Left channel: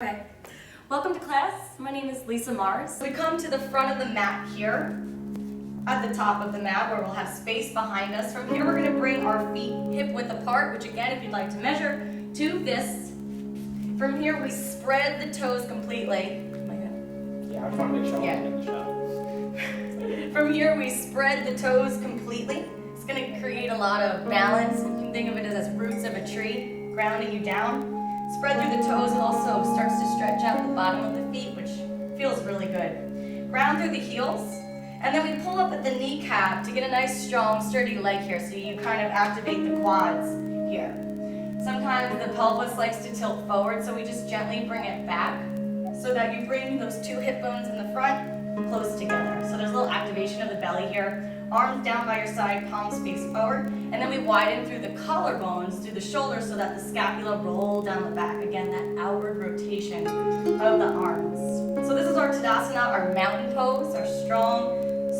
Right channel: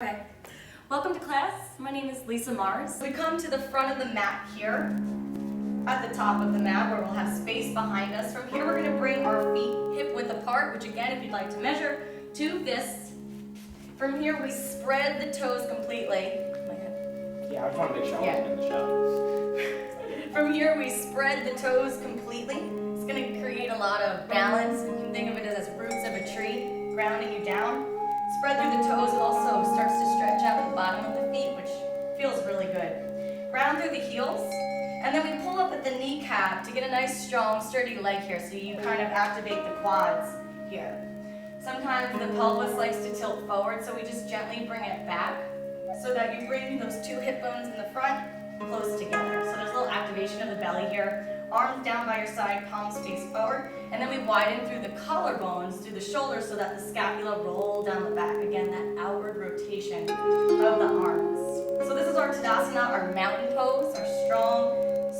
Okay, welcome to class. My name is Lisa Mars. We come to the front of the mat here, at the top of the mat where we'll have space behind us. From here we're going to bring our feet hip width apart, which again, if you'd like to measure, to this. From here we spread the toes completely. Yeah, I just want to make sure I'm in the shot. From here we spread the toes completely. It's going to create a lot of balance. You can think of it as roots of a tree, grounding you down. Spread through the toes. It also starts to stretch out the bottom of the feet, which feels really good. Ground through the heels, and then we pull up at the kneecap to get a nice, strong, sturdy leg here, so you kind of activate the quads here. Sometimes the pelvis likes to tilt forward, so we just gently bring it back so that you bring those two hip bones in the front close together. So there's a little activation of the belly here. Arms down by your side, palms face forward, and then we widen through the collarbones, through the shoulders, so that the scapula roll down the back. Again, that outward rotation of the arms. So this is our Tadasana, our mountain pose, our strong,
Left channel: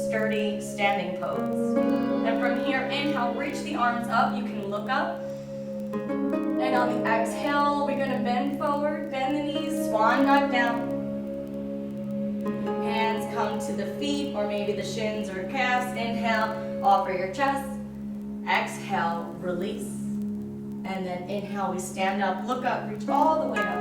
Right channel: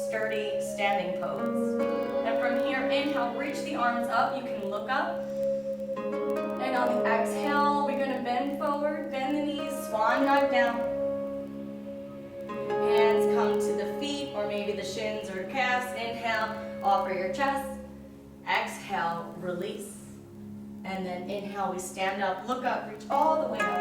sturdy, standing pose. And from here, inhale, reach the arms up. You can look up. And on the exhale, we're going to bend forward, bend the knees, swan dive down. Hands come to the feet or maybe the shins or calves. Inhale, offer your chest. Exhale, release. And then inhale, we stand up, look up, reach all the way up.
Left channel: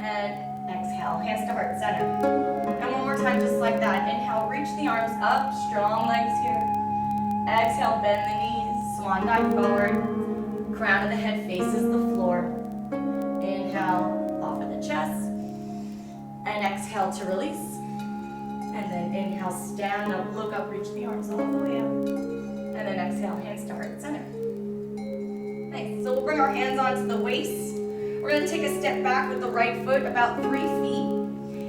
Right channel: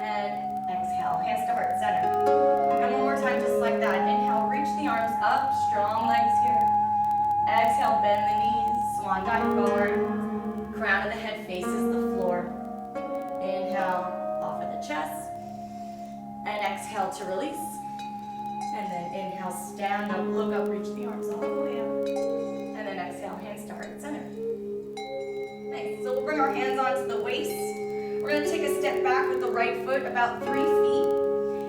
And exhale, hands to heart center. And one more time, just like that. Inhale, reach the arms up, strong legs here. Exhale, bend the knees, swan dive forward. Crown of the head faces the floor. Inhale, offer the chest. And exhale to release. And then inhale, stand up, look up, reach the arms all the way up. And then exhale, hands to heart center. Nice. So we'll bring our hands onto the waist. We're going to take a step back with the right foot about 3 feet.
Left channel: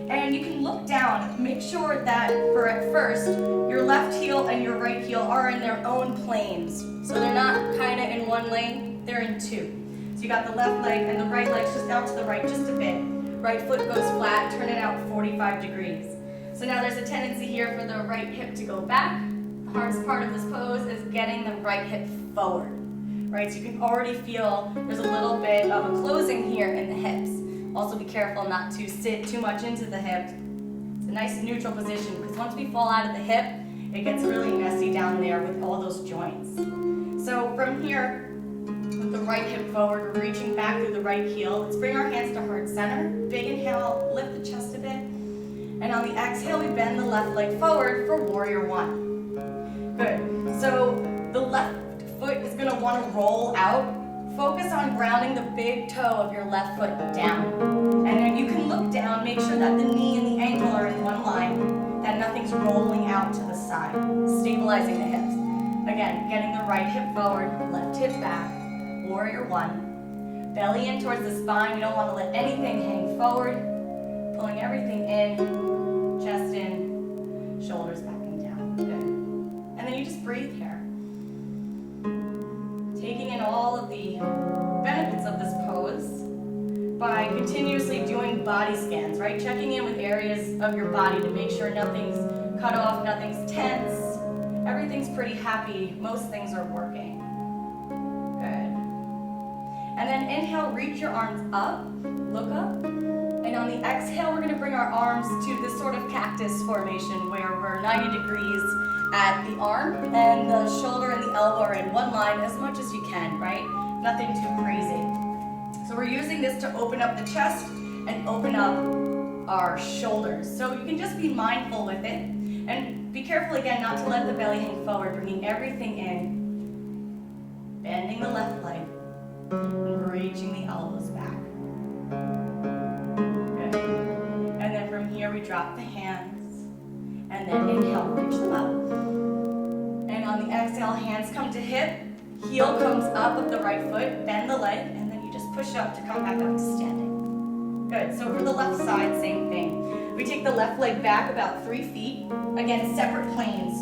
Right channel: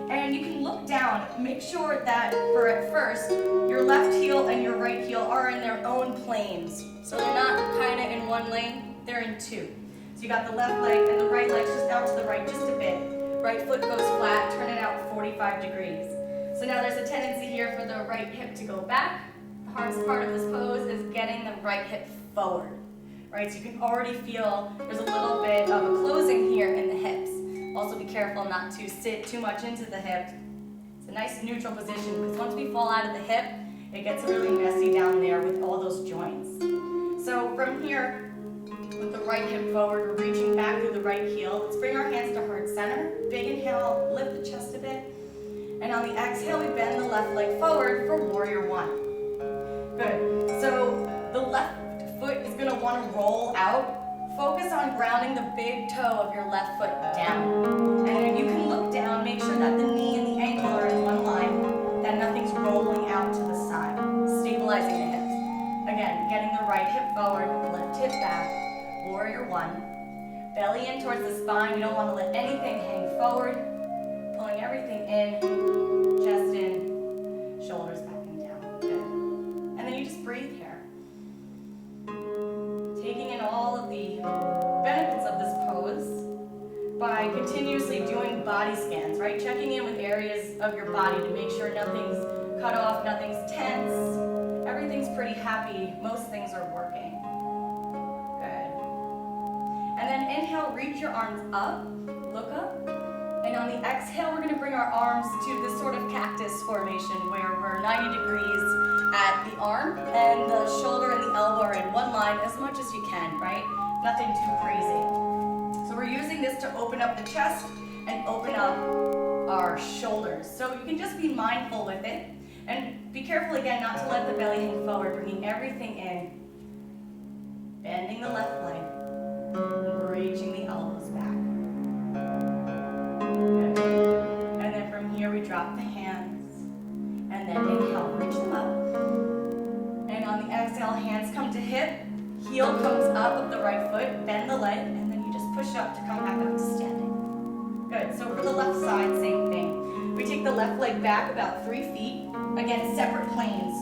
And you can look down. Make sure that at first, your left heel and your right heel are in their own planes. So they're not kind of in one lane, they're in two. So you got the left leg and the right leg's just out to the right just a bit. Right foot goes flat, turn it out 45 degrees. So now there's a tendency here for the right hip to go back. The hardest part of this pose is getting the right hip forward, right? So you can already feel there's a little bit of a closing here in the hips. Also be careful not to sit too much into the hip. It's a nice neutral position because once we fall out of the hip, it gets really messy down there with all those joints. So from here, with the right hip forward, we're reaching back through the right heel. Let's bring our hands to heart center. Big inhale, lift the chest a bit. And on the exhale, we bend the left leg forward for warrior one. Good. So the left foot is going to want to roll out. Focus on grounding the big toe of your left foot down. And then you can look down, make sure that the knee and the ankle are in one line, that nothing's rolling out to the side, stabilizing the hips. Again, getting the right hip forward, left hip back, warrior one. Belly in towards the spine. You don't want to let anything hang forward. Pulling everything in, chest in, shoulders back and down. Good. And then you just breathe here. Taking in all of the benefits of this pose by continuously doing body scans, right? Checking in with areas of your body to make sure nothing's cut off, nothing's tense. Everything's pretty happy. Most things are working. Good. And then inhale, reach your arms up, look up. And on the exhale, we're going to bring our arms to this sort of cactus formation where we're 90 degrees at the arm and the shoulder and the elbow are in one line as much as you can, right? Nothing too crazy. So we're using this to open up the chest and open up our shoulders. So you can just be mindful with it and be careful again not to let the belly hang forward, bringing everything in, bending the left leg, and reaching the elbows back. Good. And then from here we drop the hands and then inhale, reach them up. And on the exhale, hands come to hip, heel comes up of the right foot, bend the leg, and then you just push up to come back up to standing. Good. So for the left side, same thing. We take the left leg back about 3 feet. Again, separate planes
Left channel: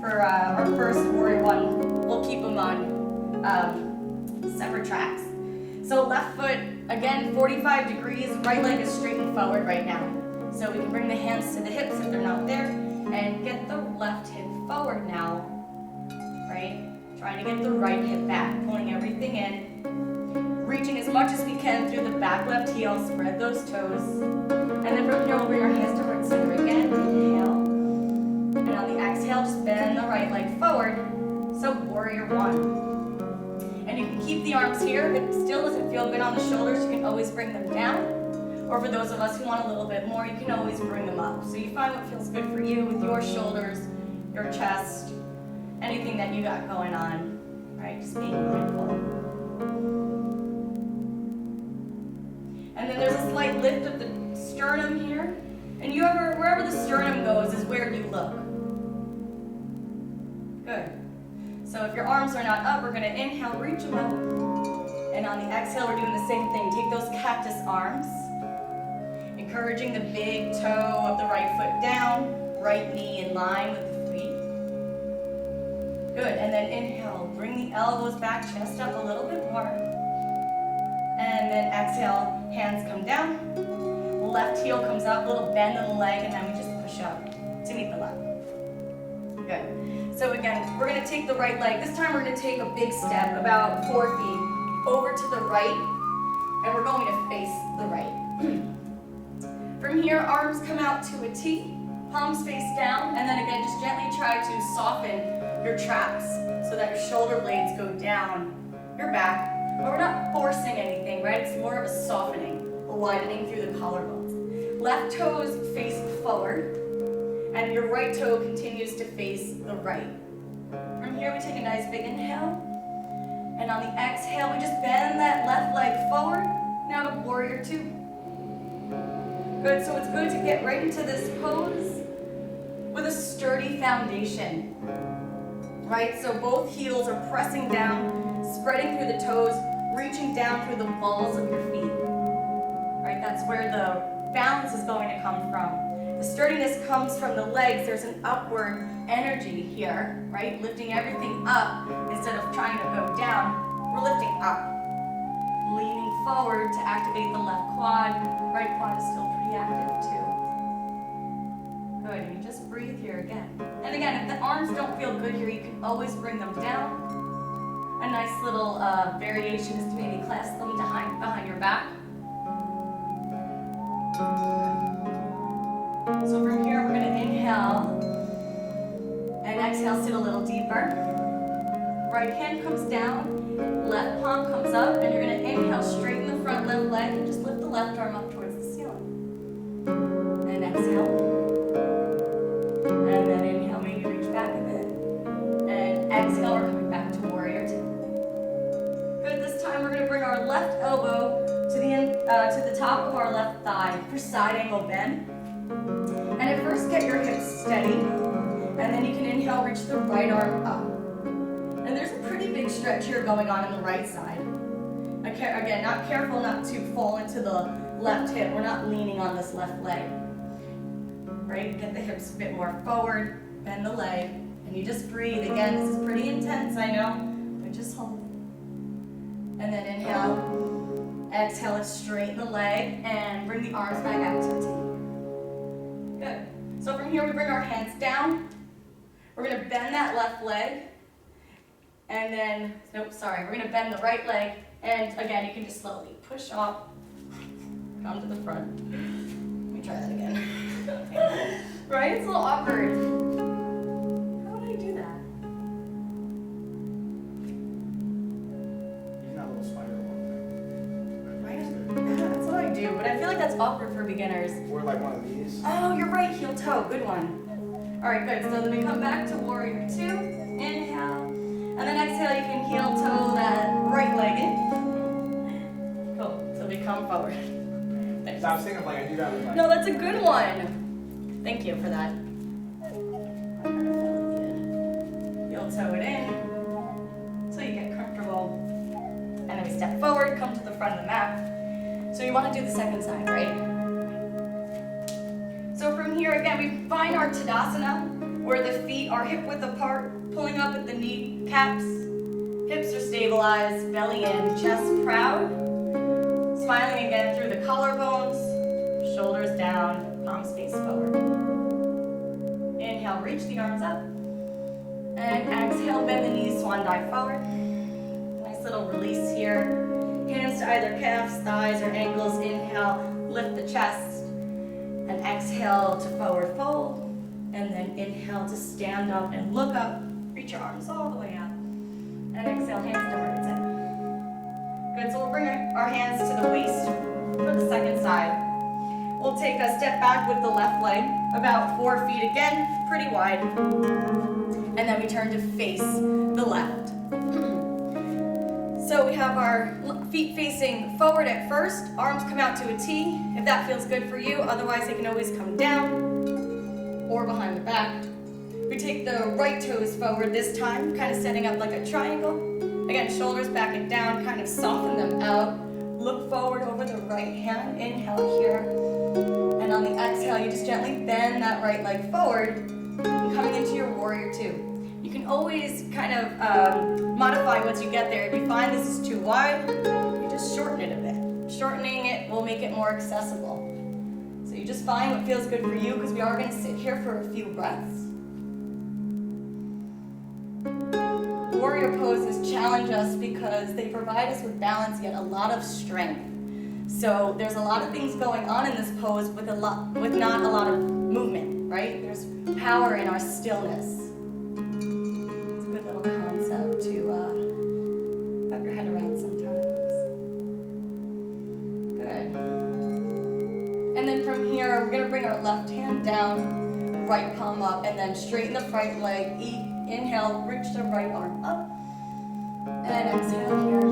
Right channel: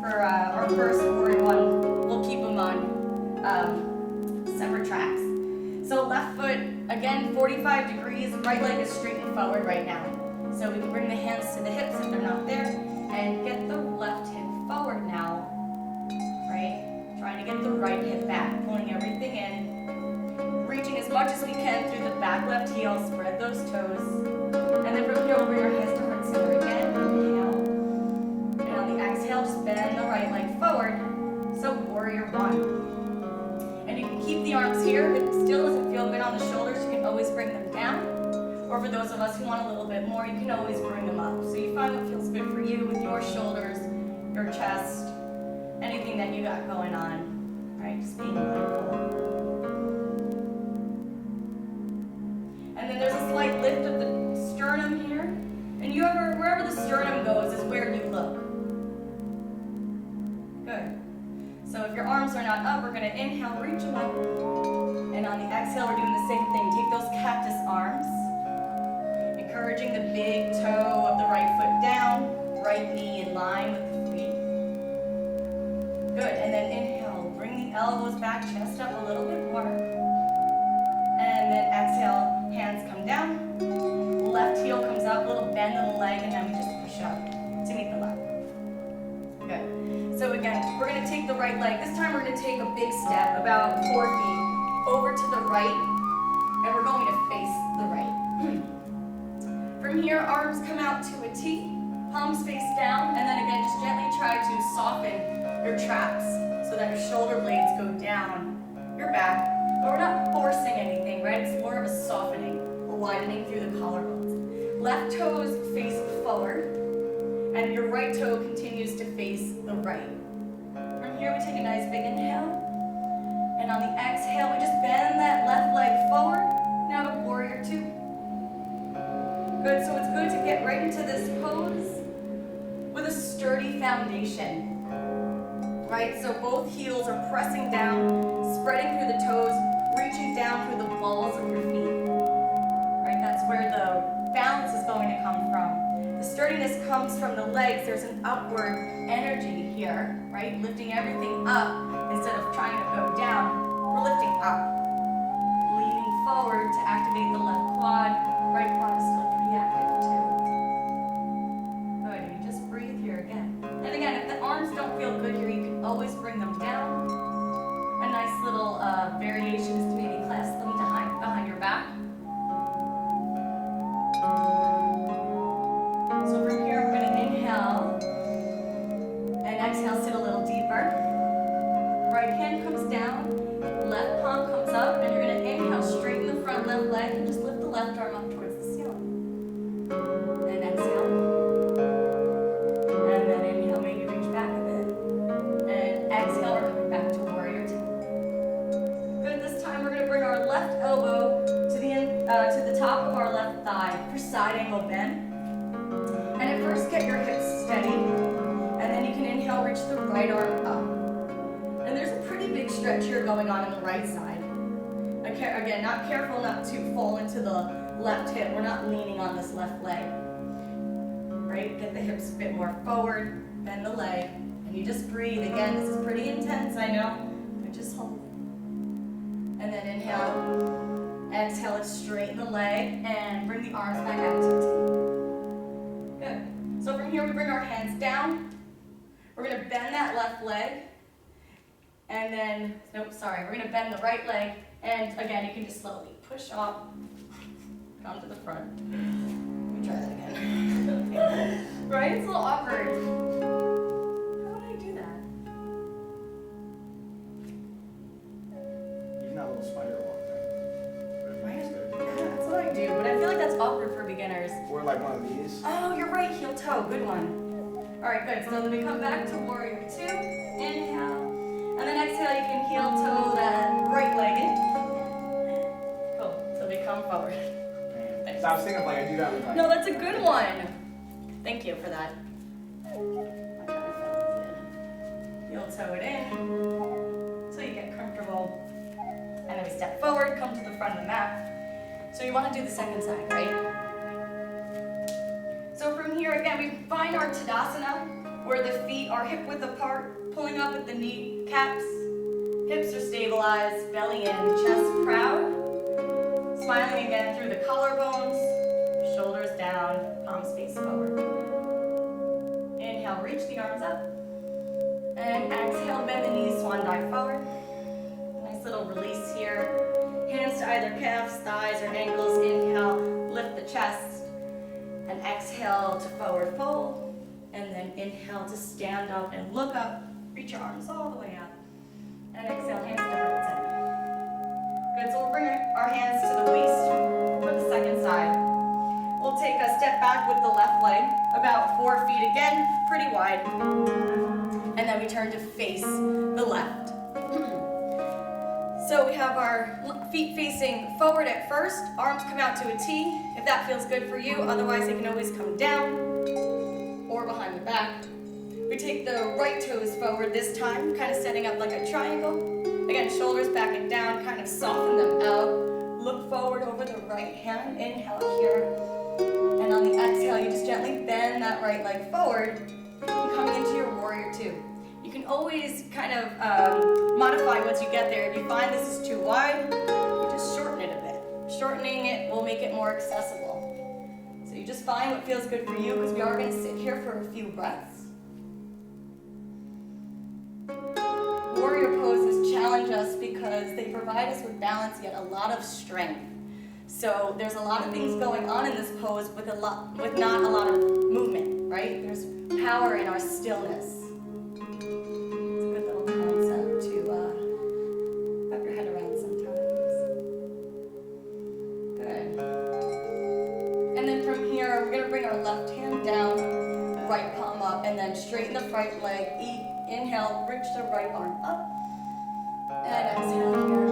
for our first warrior one. We'll keep them on separate tracks. So left foot, again, 45 degrees. Right leg is straight and forward right now. So we can bring the hands to the hips if they're not there and get the left hip forward now, right? Trying to get the right hip back, pulling everything in, reaching as much as we can through the back left heel, spread those toes. And then from here, we'll bring our hands to heart center again, inhale. And on the exhale, just bend the right leg forward. So warrior one. And you can keep the arms here. If it still doesn't feel good on the shoulders, you can always bring them down. Or for those of us who want a little bit more, you can always bring them up. So you find what feels good for you with your shoulders, your chest, anything that you got going on, right? Just being mindful. And then there's a slight lift of the sternum here. And wherever the sternum goes is where you look. Good. So if your arms are not up, we're gonna inhale, reach them up. And on the exhale, we're doing the same thing. Take those cactus arms. Encouraging the big toe of the right foot down, right knee in line with the feet. Good, and then inhale, bring the elbows back, chest up a little bit more. And then exhale, hands come down. Left heel comes up, little bend in the leg, and then we just push up to meet the left. Good. So again, we're gonna take the right leg. This time we're gonna take a big step, about 4 feet, over to the right, and we're going to face the right. From here, arms come out to a T, palms face down, and then again, just gently try to soften your traps so that your shoulder blades go down your back. But we're not forcing anything, right? It's more of a softening, a widening through the collarbones. Left toes face forward, and your right toe continues to face the right. From here, we take a nice big inhale, and on the exhale, we just bend that left leg forward. Now to warrior two. Good, so it's good to get right into this pose with a sturdy foundation, right? So both heels are pressing down, spreading through the toes, reaching down through the balls of your feet, right? That's where the balance is going to come from. The sturdiness comes from the legs. There's an upward energy here, right? Lifting everything up instead of trying to go down, we're lifting up. Leaning forward to activate the left quad. Right quad is still pretty active too. Good, and you just breathe here again. And again, if the arms don't feel good here, you can always bring them down. A nice little variation is to maybe clasp them behind your back. So from here, we're gonna inhale and exhale, sit a little deeper. Right hand comes down, left palm comes up, and you're gonna inhale, straighten the front left leg, and just lift the left arm up towards the ceiling. And exhale. And then inhale, maybe reach back a bit. And exhale, we're coming back to warrior two. Good, this time we're gonna bring our left elbow to the top of our left thigh for side angle bend. And at first, get your hips steady, and then you can inhale, reach the right arm up. And there's a pretty big stretch here going on the right side. Again, careful not to fall into the left hip. We're not leaning on this left leg. Right? Get the hips a bit more forward, bend the leg, and you just breathe. Again, this is pretty intense, I know, but just hold. And then inhale, exhale, let's straighten the leg, and bring the arms back out to a T. Good. So from here, we bring our hands down. We're gonna bend that left leg. And then, we're gonna bend the right leg, and again, you can just slowly push up, come to the front. Let me try that again. Right? It's a little awkward. How would I do that? Using that little spider walk thing. Right? That's what I do, but I feel like that's awkward for beginners. Or like one of these. Oh, you're right, heel toe, good one. All right, good, so then we come back to warrior two, inhale. And then exhale, you can heel toe that right leg in. Cool. So we come forward. Thanks. So I was thinking of like I do that with like. No, that's a good one. Thank you for that. I kind of felt it did. Heel toe it in. So you get comfortable. And then we step forward, come to the front of the mat. So you want to do the second side, right? So from here, again, we find our Tadasana, where the feet are hip width apart, pulling up at the knee caps. Hips are stabilized, belly in, chest proud. Smiling again through the collarbones, shoulders down, palms face forward. Inhale, reach the arms up. And exhale, bend the knees, swan dive forward. Nice little release here. hands to either calves, thighs, or ankles. Inhale, lift the chest. And exhale to forward fold. And then inhale to stand up and look up. Reach your arms all the way up. And exhale, hands to heart center. Good, so we'll bring our hands to the waist for the second side. We'll take a step back with the left leg, about 4 feet again, pretty wide. And then we turn to face the left. So we have our feet facing forward at first, arms come out to a T, if that feels good for you. Otherwise, they can always come down or behind the back. We take the right toes forward this time, kind of setting up like a triangle. Again, shoulders back and down, kind of soften them out. Look forward over the right hand, inhale here. And on the exhale, you just gently bend that right leg forward, and coming into your warrior two. You can always kind of modify once you get there. If you find this is too wide, you just shorten it a bit. Shortening it will make it more accessible. So you just find what feels good for you, because we are going to sit here for a few breaths. Warrior poses challenge us because they provide us with balance yet a lot of strength. So there's a lot of things going on in this pose with not a lot of movement, right? There's power in our stillness. It's a good little concept to wrap your head around sometimes. Good. And then from here, we're gonna bring our left hand down, right palm up, and then straighten the right leg. Inhale, reach the right arm up, and exhale here.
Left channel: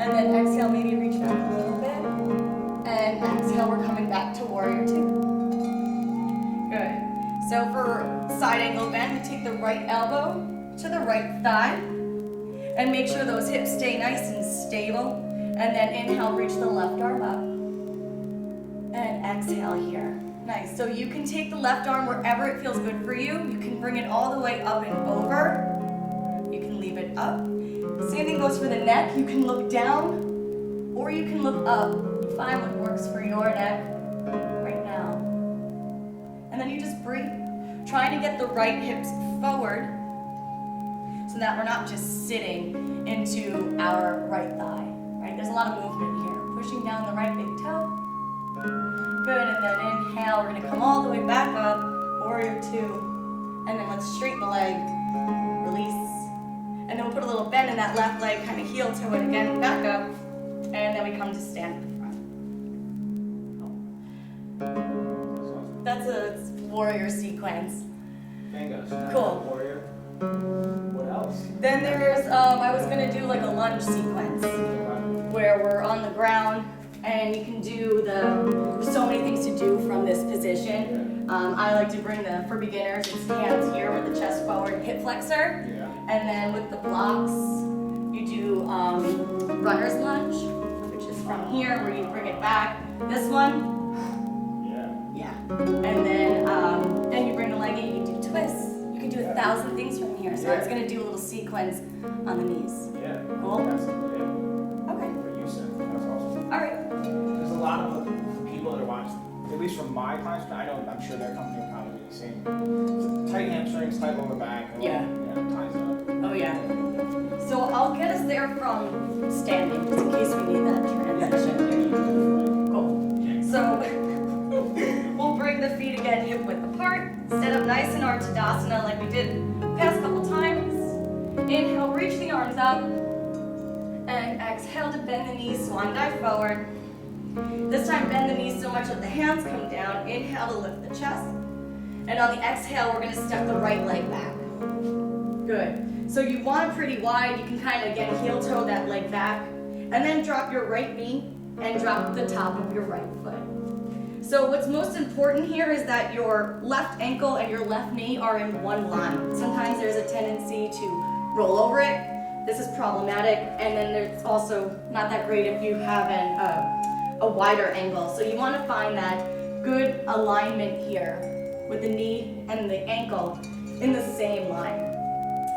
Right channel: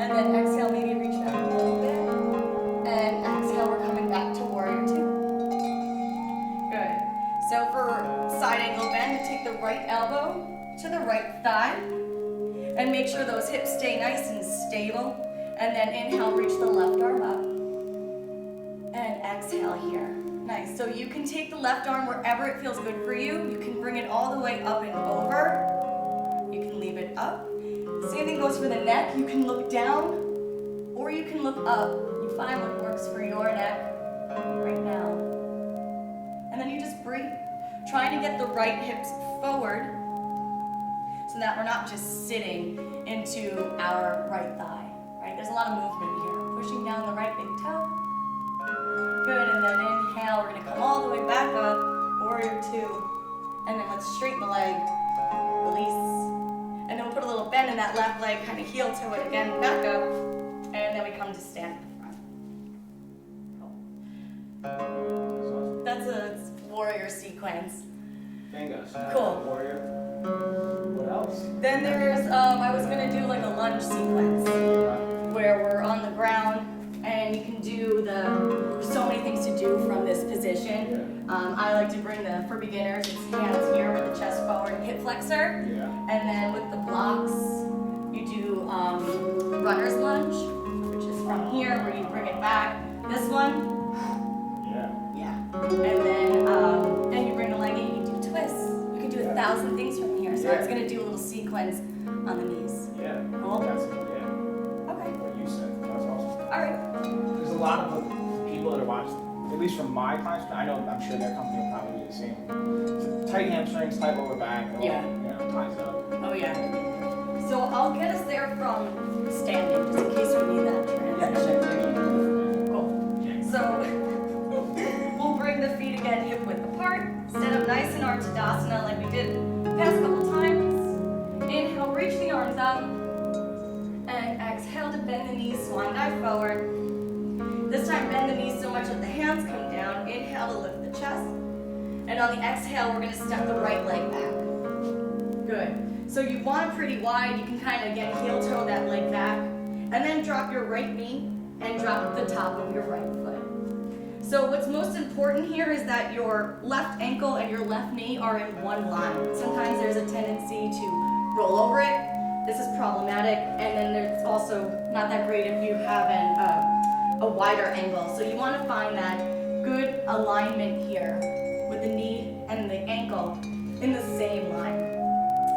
And then exhale, maybe reach back a little bit. And exhale, we're coming back to warrior two. Good. So for side angle bend, we take the right elbow to the right thigh. And make sure those hips stay nice and stable. And then inhale, reach the left arm up. And exhale here. Nice. So you can take the left arm wherever it feels good for you. You can bring it all the way up and over. You can leave it up. Same thing goes for the neck. You can look down or you can look up. You find what works for your neck right now. And then you just breathe. Trying to get the right hips forward so that we're not just sitting into our right thigh. Right? There's a lot of movement here. Pushing down the right big toe. Good, and then inhale, we're gonna come all the way back up, warrior two, and then let's straighten the leg, release, and then we'll put a little bend in that left leg, kind of heel to it again, back up, and then we come to stand in the front. That's a warrior sequence. Bingo. Cool. Warrior. What else? Then there's, I was gonna do like a lunge sequence, where we're on the ground, and you can do there's so many things to do from this position. I like to bring for beginners, it's hands here with the chest forward, hip flexor. Yeah. And then with the blocks, you do runner's lunge, which is from here where you bring it back. This one. Yeah. And then you bring the leg in, you do twists. You can do 1,000 things from here. So I was gonna do a little sequence on the knees. Yeah. Cool? Okay. What you said. That's awesome. All right. There's a lot of people that are watching, at least from my clients, I'm sure their company will probably do the same. So tight hamstrings, tight lower back, it all, Yeah. ties up. Oh yeah. So I'll get us there from standing, just in case we need that transition. Cool. So we'll bring the feet again hip width apart, set up nice in our Tadasana like we did the past couple times. Inhale, reach the arms up. And exhale to bend the knees, swan dive forward. This time bend the knees so much that the hands come down. Inhale to lift the chest. And on the exhale, we're gonna step the right leg back. Good. So you want it pretty wide. You can kind of, again, heel toe that leg back. And then drop your right knee and drop the top of your right foot. So what's most important here is that your left ankle and your left knee are in one line. Sometimes there's a tendency to roll over it. This is problematic, and then there's also not that great if you have a wider angle. So you want to find that good alignment here with the knee and the ankle in the same line.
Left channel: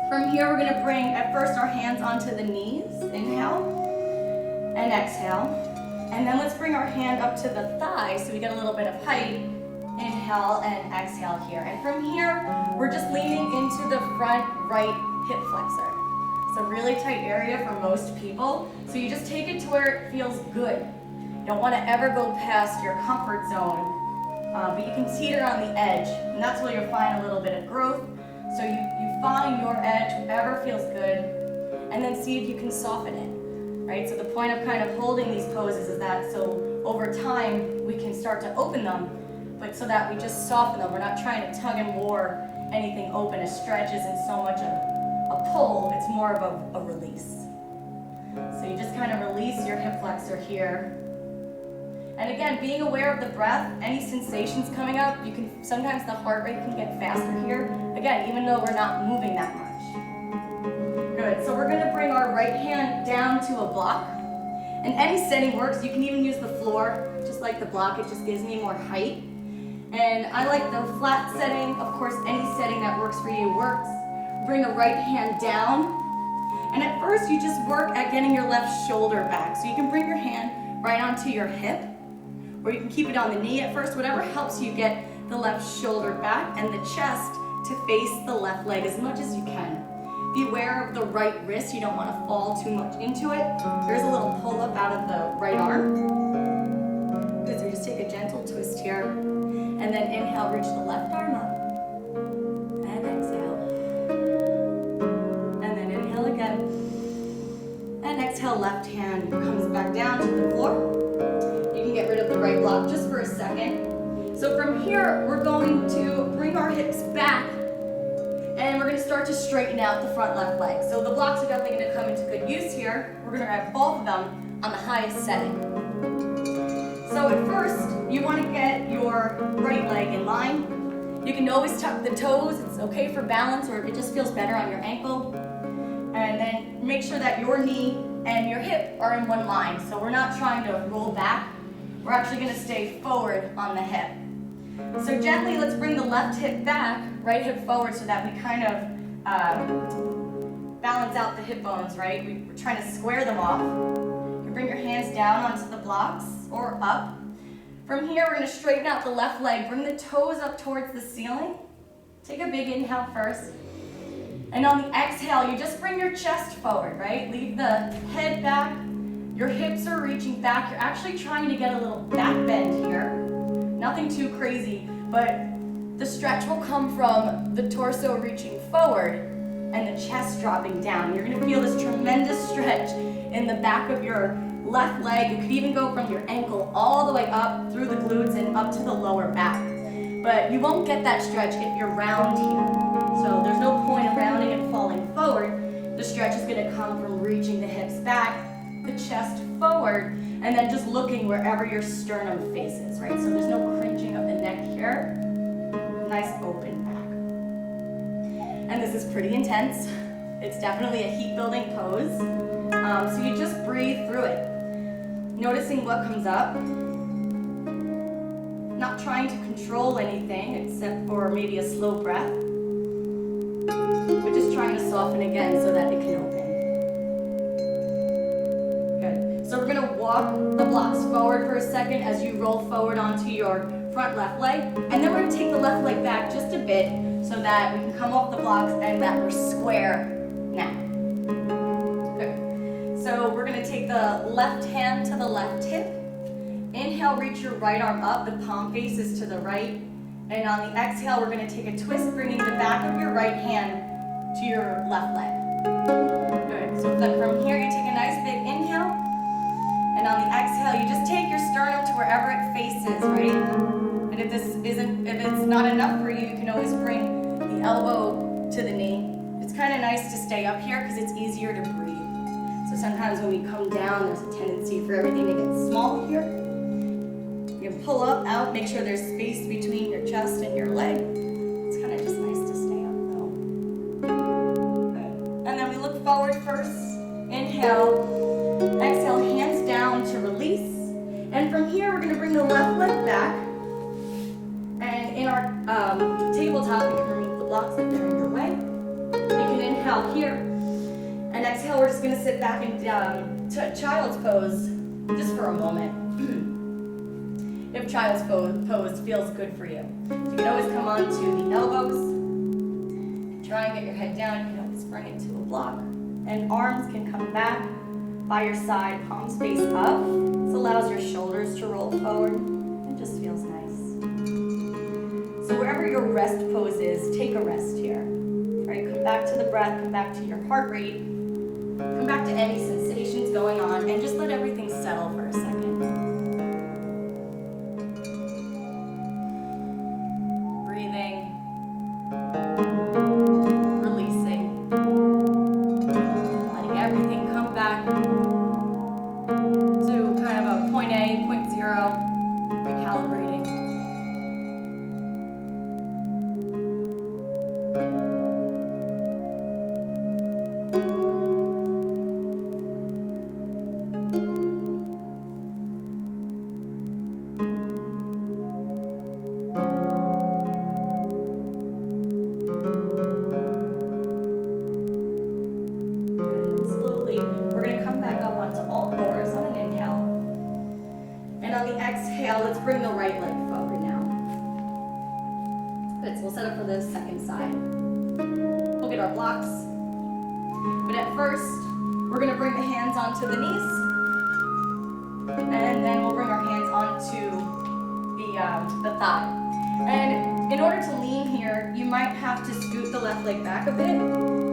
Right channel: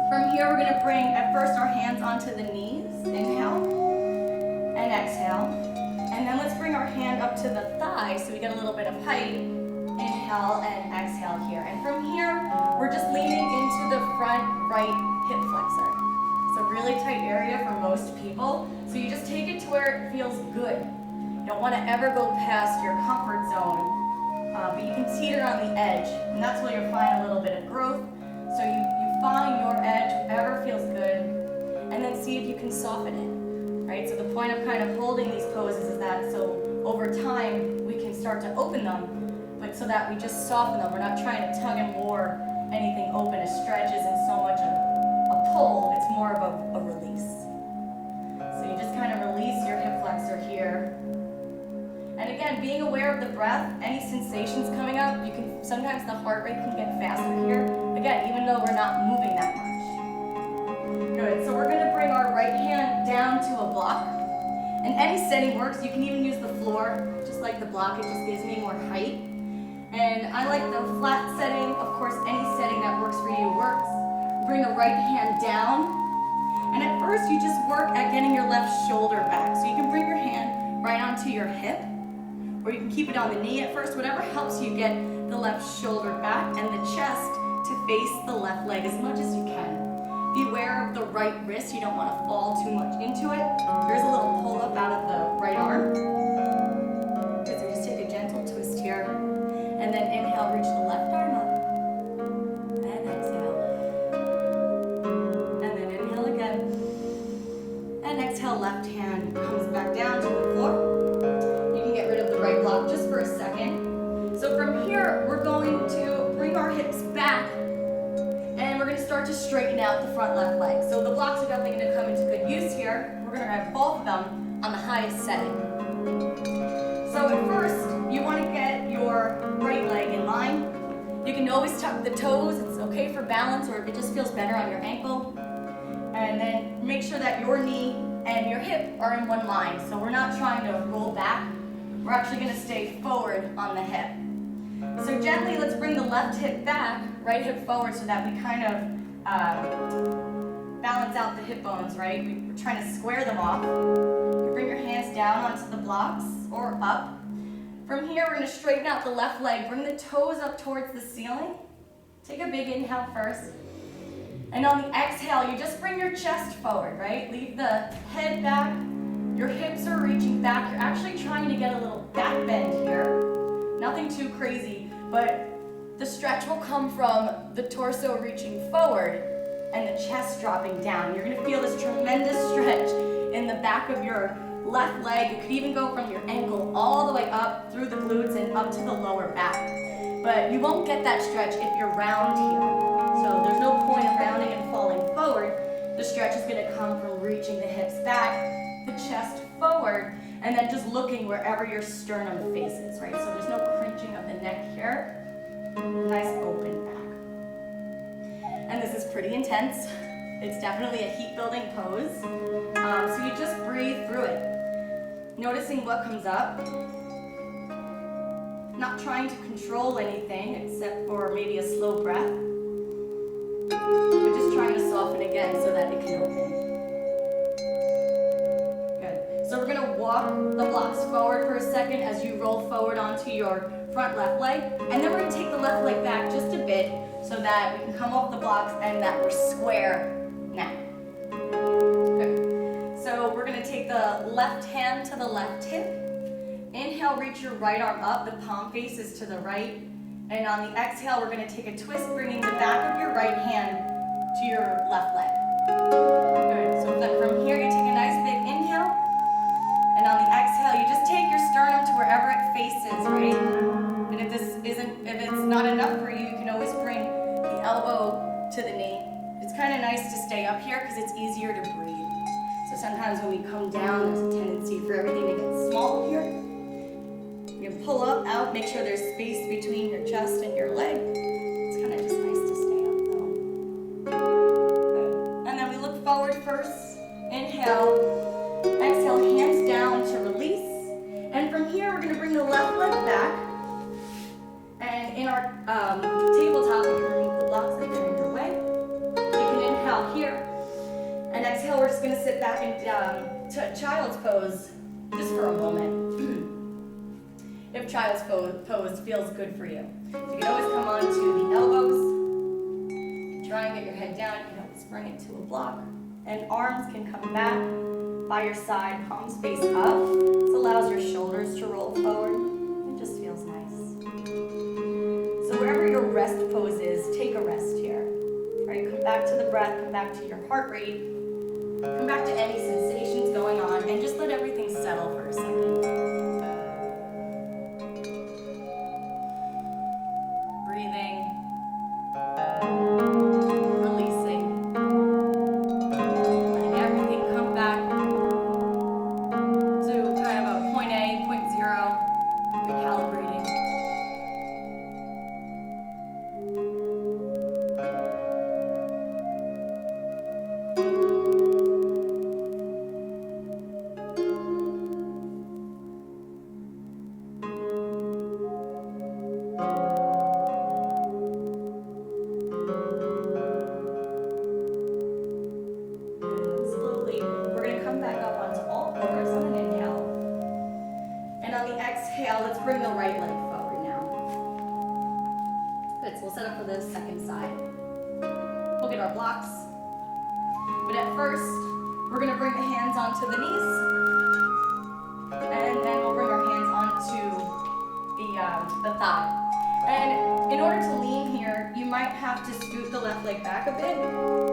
From here, we're going to bring at first our hands onto the knees. Inhale and exhale. And then let's bring our hand up to the thigh so we get a little bit of height. Inhale and exhale here. And from here, we're just leaning into the front right hip flexor. It's a really tight area for most people, so you just take it to where it feels good. You don't want to ever go past your comfort zone, but you can teeter on the edge, and that's where you'll find a little bit of growth. So you find your edge, whatever feels good, and then see if you can soften it, right? So the point of kind of holding these poses is that so over time we can start to open them, but so that we just soften them. We're not trying to tug and war anything open. A stretch isn't so much a pull, it's more of a release. So you just kind of release your hip flexor here. And again, being aware of the breath, any sensations coming up, you can sometimes the heart rate can get faster here. Again, even though we're not moving that much. Good, so we're gonna bring our right hand down to a block. And any setting works. You can even use the floor, just like the block, it just gives me more height. And I like the flat setting. Of course, any setting that works for you works. Bring the right hand down. And at first, you just work at getting your left shoulder back. So you can bring your hand right onto your hip, or you can keep it on the knee at first, whatever helps you get the left shoulder back and the chest to face the left leg as much as you can. Be aware of the right wrist. You don't want to fall too much into it. Here's a little pull up out of the right arm. Good, so just take a gentle twist here. And then inhale, reach the left arm up. And exhale. And then inhale again. And exhale, left hand comes back down to the floor. You can get rid of the right block just for a second. So from here, we're going to bring our hips back and we're going to start to straighten out the front left leg. So the blocks are definitely going to come into good use here. We're going to have both of them on the highest setting. So at first, you want to get your right leg in line. You can always tuck the toes. It's okay for balance, or if it just feels better on your ankle. And then make sure that your knee and your hip are in one line. So we're not trying to roll back. We're actually going to stay forward on the hip. So gently, let's bring the left hip back, right hip forward, so that we kind of balance out the hip bones, right? We're trying to square them off. You bring your hands down onto the blocks or up. From here, we're going to straighten out the left leg. Bring the toes up towards the ceiling. Take a big inhale first. And on the exhale, you just bring your chest forward, right? Leave the head back. Your hips are reaching back. You're actually trying to get a little back bend here. Nothing too crazy, but the stretch will come from the torso reaching forward and the chest dropping down. You're gonna feel this tremendous stretch in the back of your left leg. It could even go from your ankle all the way up through the glutes and up to the lower back. But you won't get that stretch if you're round here. So there's no point in rounding and falling forward. The stretch is gonna come from reaching the hips back, the chest forward, and then just looking wherever your sternum faces, right? So there's no cringing of the neck here. Nice open back. And this is pretty intense. It's definitely a heat building pose. So you just breathe through it. Noticing what comes up. Not trying to control anything except for maybe a slow breath. But just trying to soften again so that it can open. So we're gonna walk the blocks forward for a second as you roll forward onto your front left leg. And then we're gonna take the left leg back just a bit so that we can come off the blocks and that we're square now. Good. So we're gonna take the left hand to the left hip. Inhale, reach your right arm up, the palm faces to the right. And on the exhale, we're gonna take a twist, bringing the back of your right hand to your left leg. Good, so from here, you take a nice big inhale. And on the exhale, you just take your sternum to wherever it faces, right? And if it's not enough for you, you can always bring the elbow to the knee. It's kind of nice to stay up here because it's easier to breathe. So sometimes when we come down, there's a tendency for everything to get small here. You can pull up, out, make sure there's space between your chest and your leg. It's kind of just nice to stay up though. Good. And then we look forward first. Inhale. Exhale, hands down to release. And from here, we're going to bring the left leg back. And in our tabletop, you can remove the blocks if they're in your way. You can inhale here. And exhale, we're just going to sit back and to child's pose just for a moment. If child's pose feels good for you. So you can always come onto the elbows. Try and get your head down. You can always bring it to a block. And arms can come back by your side, palms face up. This allows your shoulders to roll forward. It just feels nice. So wherever your rest pose is, take a rest here. Right, come back to the breath, come back to your heart rate, come back to any sensations going on, and just let everything settle for a second. Breathing, releasing, letting everything come back to kind of a point A, point zero, recalibrating. Exhale, let's bring the right leg forward now. Good, so we'll set up for the second side. We'll get our blocks. But at first, we're gonna bring the hands onto the knees. And then we'll bring our hands onto the thigh. And in order to lean here, you might have to scoot the left leg back a bit.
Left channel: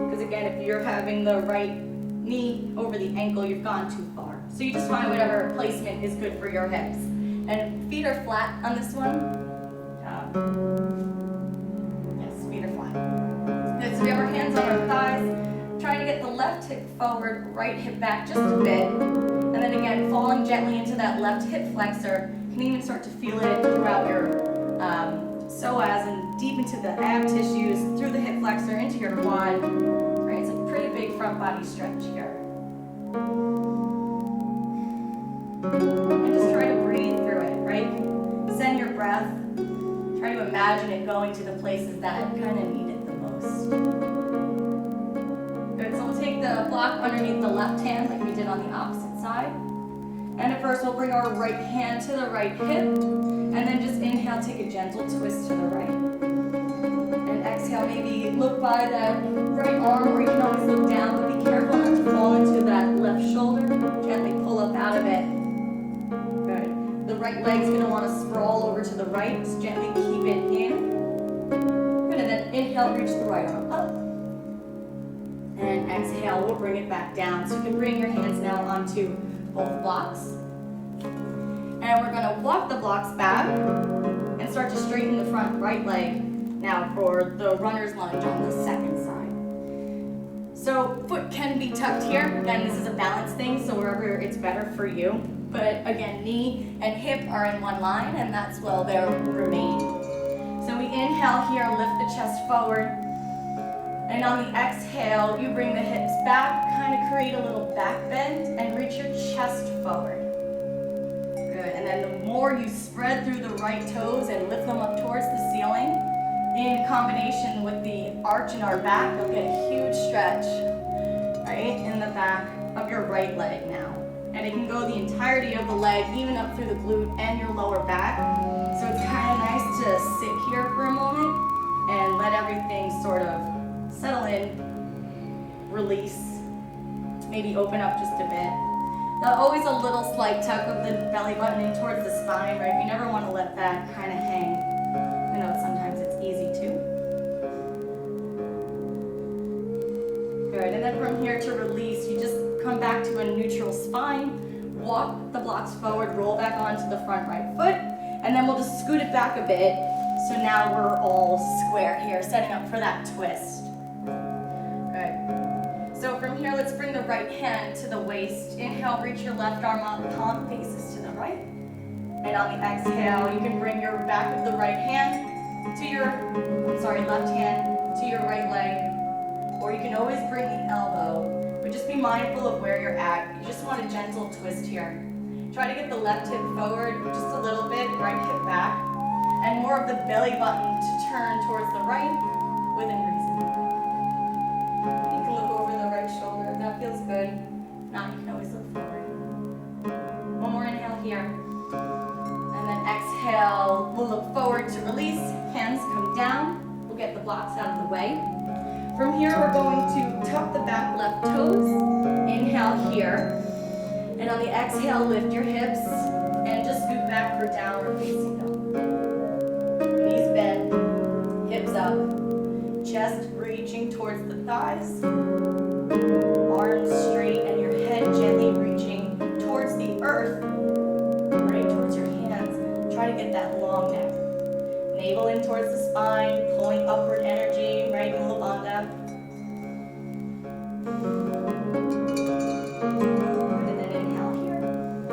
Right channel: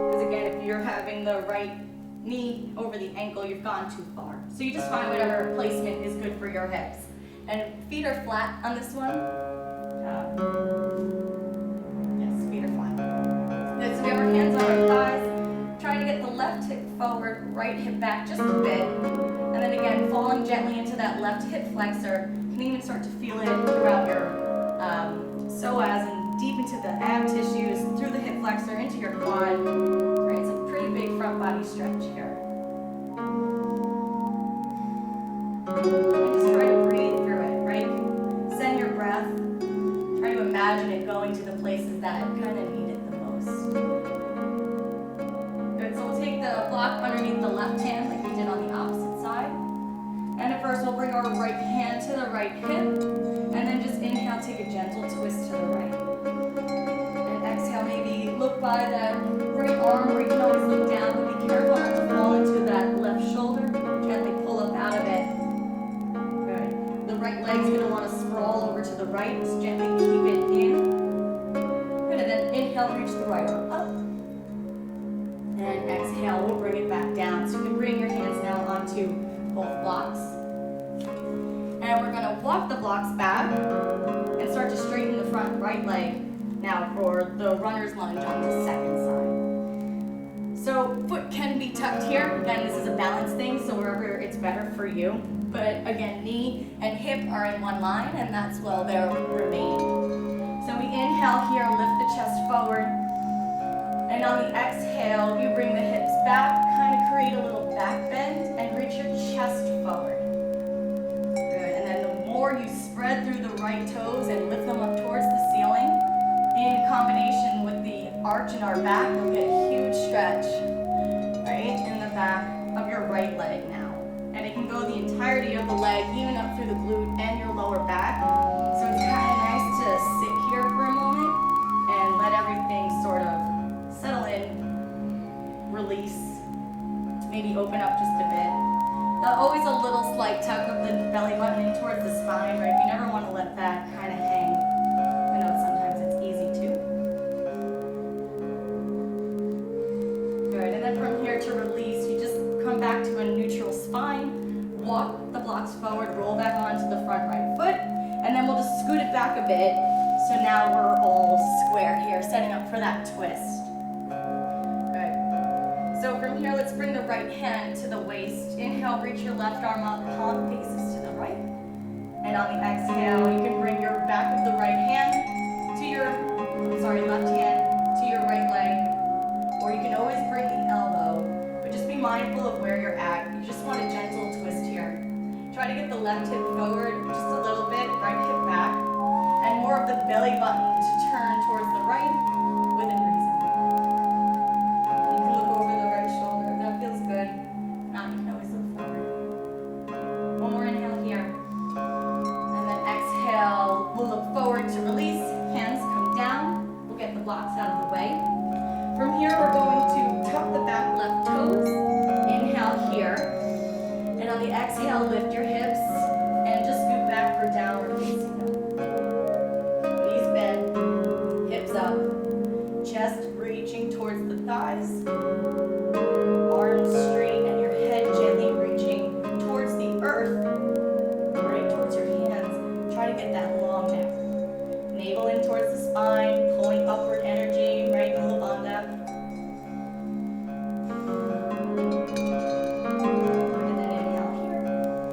Because again, if you're having the right knee over the ankle, you've gone too far. So you just find whatever placement is good for your hips. And feet are flat on this one. Yes, feet are flat. Good, so we have our hands on our thighs. Trying to get the left hip forward, right hip back just a bit. And then again, falling gently into that left hip flexor. You can even start to feel it throughout your psoas and deep into the ab tissues, through the hip flexor, into your quad. Right, it's a pretty big front body stretch here. And just try to breathe through it, right? Send your breath. Try to imagine it going to the places that kind of need it the most. Good, so we'll take the block underneath the left hand like we did on the opposite side. And at first we'll bring our right hand to the right hip. And then just inhale, take a gentle twist to the right. And exhale, maybe look by that right arm, or you can always look down, but be careful not to fall into that left shoulder. Gently pull up out of it. Good. The right leg's gonna wanna sprawl over to the right. Just gently keep it in. Good, and then inhale, reach the right arm up. And exhale, we'll bring it back down. So you can bring your hands now onto both blocks. And we're gonna walk the blocks back and start to straighten the front right leg now for the runner's lunge on the second side. So foot can be tucked here. Again, this is a balance thing, so wherever it's better for you. But again, knee and hip are in one line, and that's where they'll remain. So we inhale here, lift the chest forward. And on the exhale, you bring the hips back, kind of create a little back bend, and reach your chest forward. Good, and then the more you spread through the right toes and lift them up towards the ceiling, in combination with the arch in our back, you'll get a huge stretch, right, in the back of your right leg now. And it can go the entirety of the leg, even up through the glute and your lower back. So it's kind of nice to sit here for a moment and let everything sort of settle in, release, maybe open up just a bit. Always a little slight tuck of the belly button in towards the spine, right? You never want to let that kind of hang. I know sometimes it's easy too. Good, and then from here to release, you just come back to a neutral spine, walk the blocks forward, roll back onto the front right foot, and then we'll just scoot it back a bit. So now we're all square here, setting up for that twist. Good. So from here, let's bring the right hand to the waist. Inhale, reach your left arm up, palm faces to the right. And on the exhale, you can bring your back of the right hand to your, left hand to your right leg. Or you can always bring the elbow, but just be mindful of where you're at. You just want a gentle twist here. Try to get the left hip forward just a little bit, right hip back, and more of the belly button to turn towards the right within reason. You can look over the right shoulder if that feels good. If not, you can always look forward. One more inhale here. And then exhale, we'll look forward to release. Hands come down. We'll get the blocks out of the way. From here, we're going to tuck the back left toes. Inhale here. And on the exhale, lift your hips and just scoot back for downward facing dog. Knees bend, hips up, chest reaching towards the thighs, arms straight, and your head gently reaching towards the earth, right towards your hands. Try to get that long neck. Navel in towards the spine, pulling upward energy, right, Mula Bandha. And then inhale here.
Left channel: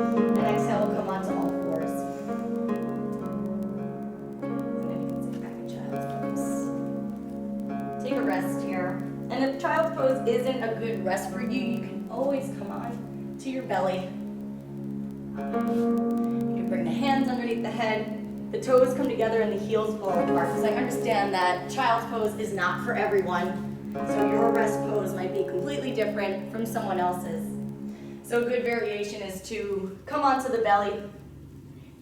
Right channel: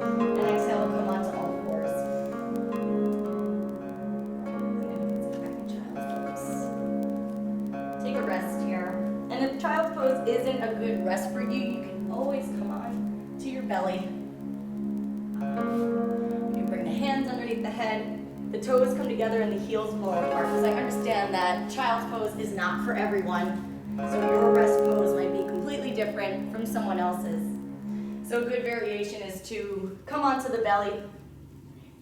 And exhale, we'll come onto all fours. And then you can sit back in child's pose. Take a rest here. And if child's pose isn't a good rest for you, you can always come on to your belly. You can bring the hands underneath the head. The toes come together and the heels fall apart, because I understand that child's pose is not for everyone. So your rest pose might be completely different from someone else's. So a good variation is to come onto the belly,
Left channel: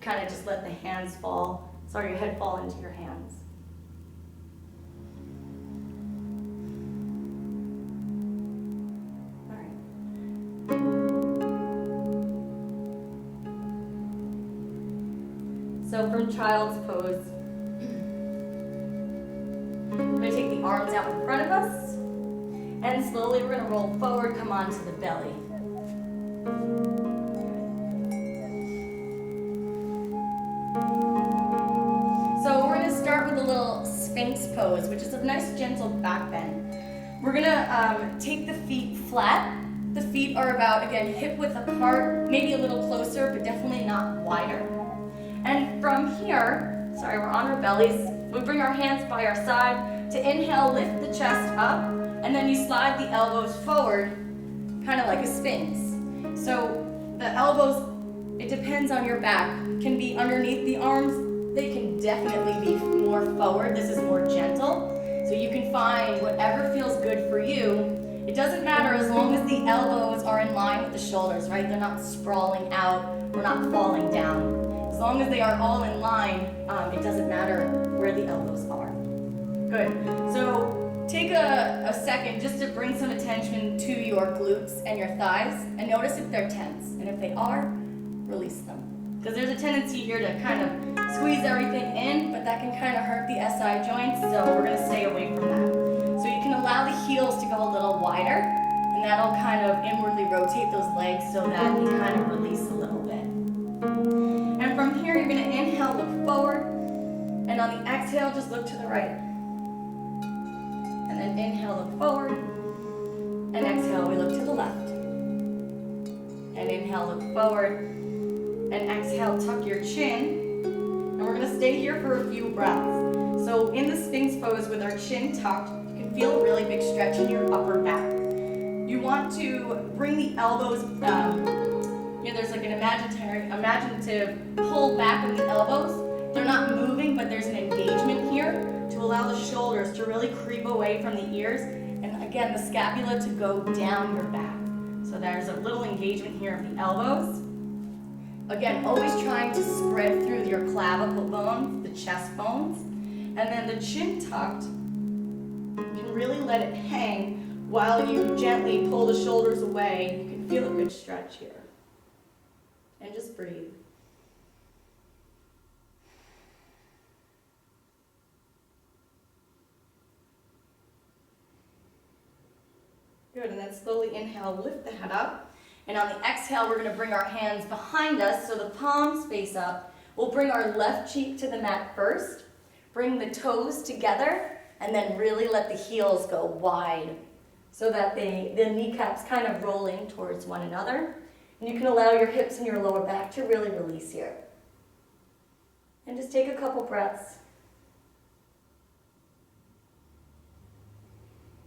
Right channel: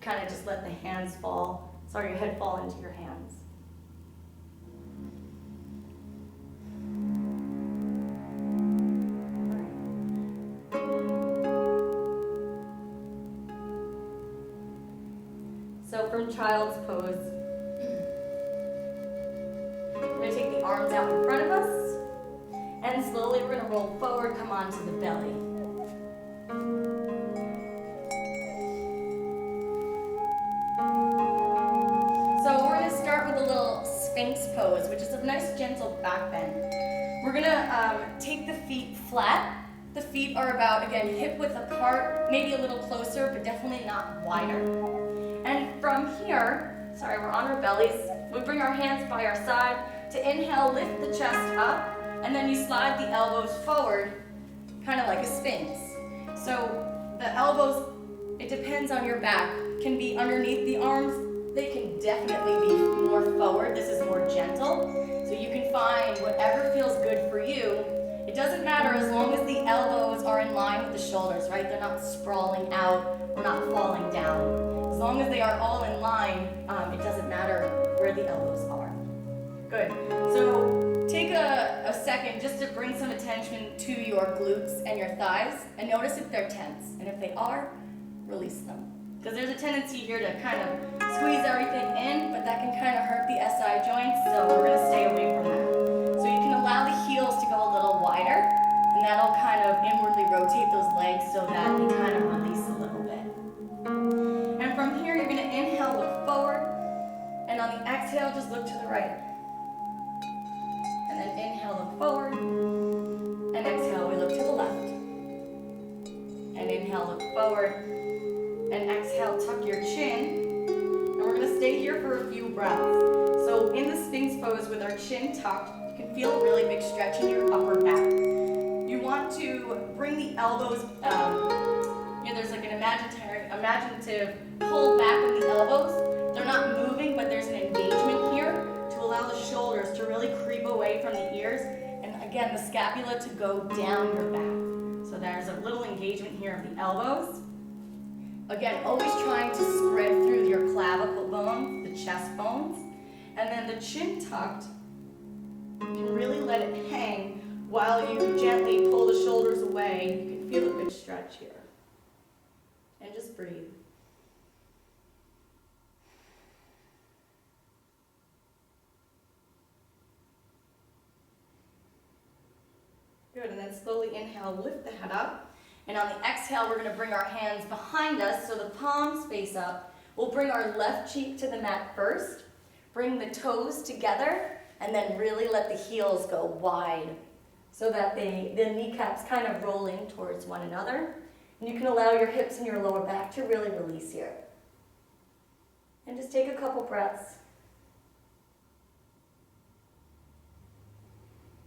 kind of just let the hands fall, sorry, your head fall into your hands. So from child's pose, we're going to take the arms out in front of us, and slowly we're going to roll forward, come onto the belly. So we're going to start with a little Sphinx pose, which is a nice gentle back bend. We're going to take the feet flat. The feet are about, again, hip width apart, maybe a little closer, but definitely not wider. And from here, sorry, we're on our bellies. We bring our hands by our side. To inhale, lift the chest up, and then you slide the elbows forward, kind of like a Sphinx. So the elbows, it depends on your back, can be underneath the arms. They can definitely be more forward. This is more gentle. So you can find whatever feels good for you. It doesn't matter as long as the elbows are in line with the shoulders, right? They're not sprawling out or not falling down. As long as they are all in line, it doesn't matter where the elbows are. Good. So take a second just to bring some attention to your glutes and your thighs, and notice if they're tense. And if they are, release them. Because there's a tendency here to kind of squeeze everything in, but that can kind of hurt the SI joints, so we're going to stay away from that. So you can allow the heels to go a little wider, and that'll kind of inwardly rotate those legs so that they kind of release a little bit. And from here, you're going to inhale, look forward, and on the exhale, just look to the right. And then inhale, look forward, and exhale, we look to the left. And inhale, look forward, and exhale, tuck your chin. And we're going to stay here for a few breaths. So in the Sphinx pose with our chin tucked, you can feel a really big stretch in your upper back. You want to bring the elbows, there's like an imaginative pull back of the elbows. They're not moving, but there's an engagement here to allow the shoulders to really creep away from the ears. And again, the scapula to go down your back. So there's a little engagement here of the elbows. Again, always trying to spread through your clavicle bones, the chest bones. And then the chin tucked, you can really let it hang while you gently pull the shoulders away. You can feel a good stretch here. And just breathe. Good, and then slowly inhale, lift the head up. And on the exhale, we're going to bring our hands behind us so the palms face up. We'll bring our left cheek to the mat first. Bring the toes together, and then really let the heels go wide so that the kneecaps kind of roll in towards one another. And you can allow your hips and your lower back to really release here. And just take a couple breaths.